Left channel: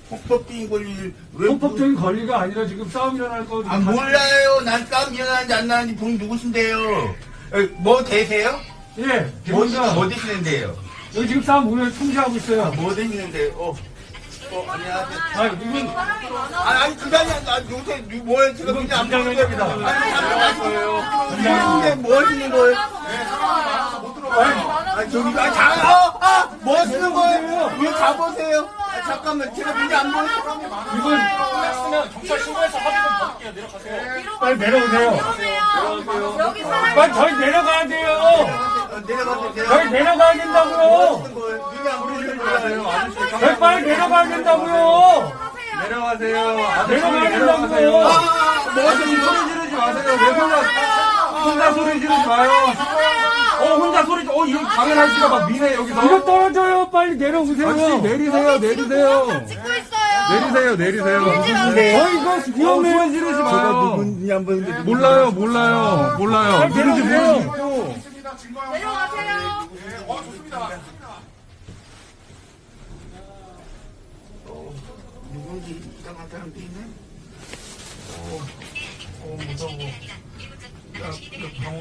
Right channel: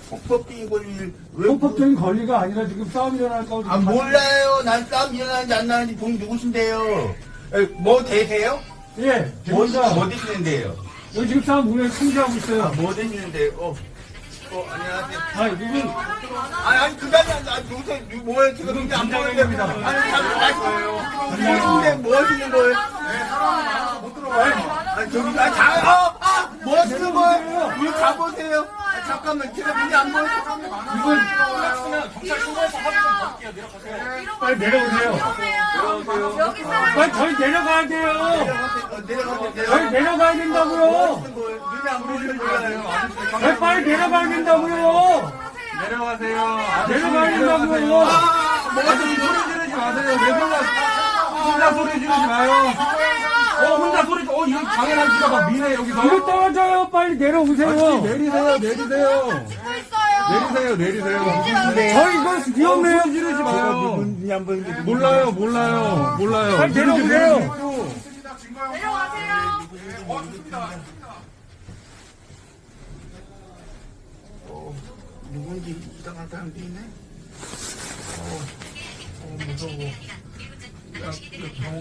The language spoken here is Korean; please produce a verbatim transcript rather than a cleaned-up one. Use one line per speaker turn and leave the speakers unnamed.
폭법적인 권리를 왜
헌법적인 권리가 아니라 지금 싸움 일어날 거.
아 몰라요. 난 싸움 일어나는지 안 나는지 본 누구신데요? 에, 뭐 되세요?
예,
뭐,
대표가
뭐 되시는데요?
여기 지금 싸움 보면 참조하고 있어요.
뭐 되시는데? 어, 어 안녕하세요.
아, 이건
아니, 아니, 그게 아니라, 나 요새, 뭐에 지금 이제 안 보는 겁니다. 아니, 잠깐 말씀하세요. 근데 뭐 하시는 거예요? 아니, 아니, 저기, 아, 자, 어, 아, 뭐 하시는 거예요? 왜 가보세요? 아, 잠깐만, 제가 문제 안 보여서.
이건
경찰 신고해서 합의 좀 받을게요. 내려가세요.
빨리 내려오세요.
여기 사람
빨리 저희 내려가야 돼요.
내려가세요,
저희
내려가세요.
내려가야
뭐
된다고요.
하시는 거예요? 눈이 안 보이시는 거예요?
저희 빨리 내려가야 된다고요.
내려가세요.
내려가야 된다고요.
뭐 하시는 거예요?
지르지 마세요. 왜 혼자, 혼자 소리 지르지 마요. 어, 혼자 소리, 지- 어, 이거 당연한 지가 막 미네, 여기서.
이거 떨어져요. 빨리
아저씨,
내려오세요.
내리세요, 내리세요.
찍고 있어요.
내리세요, 내리세요.
저 이거 위험해요.
지르지
제가
마요.
누군지 안 보는데.
몰라요, 몰라요, 몰라요.
빨리 내려오세요.
내려가세요.
어, 누군지 이상한 사람도 있네? 어, 어, 무서워. 야, 야,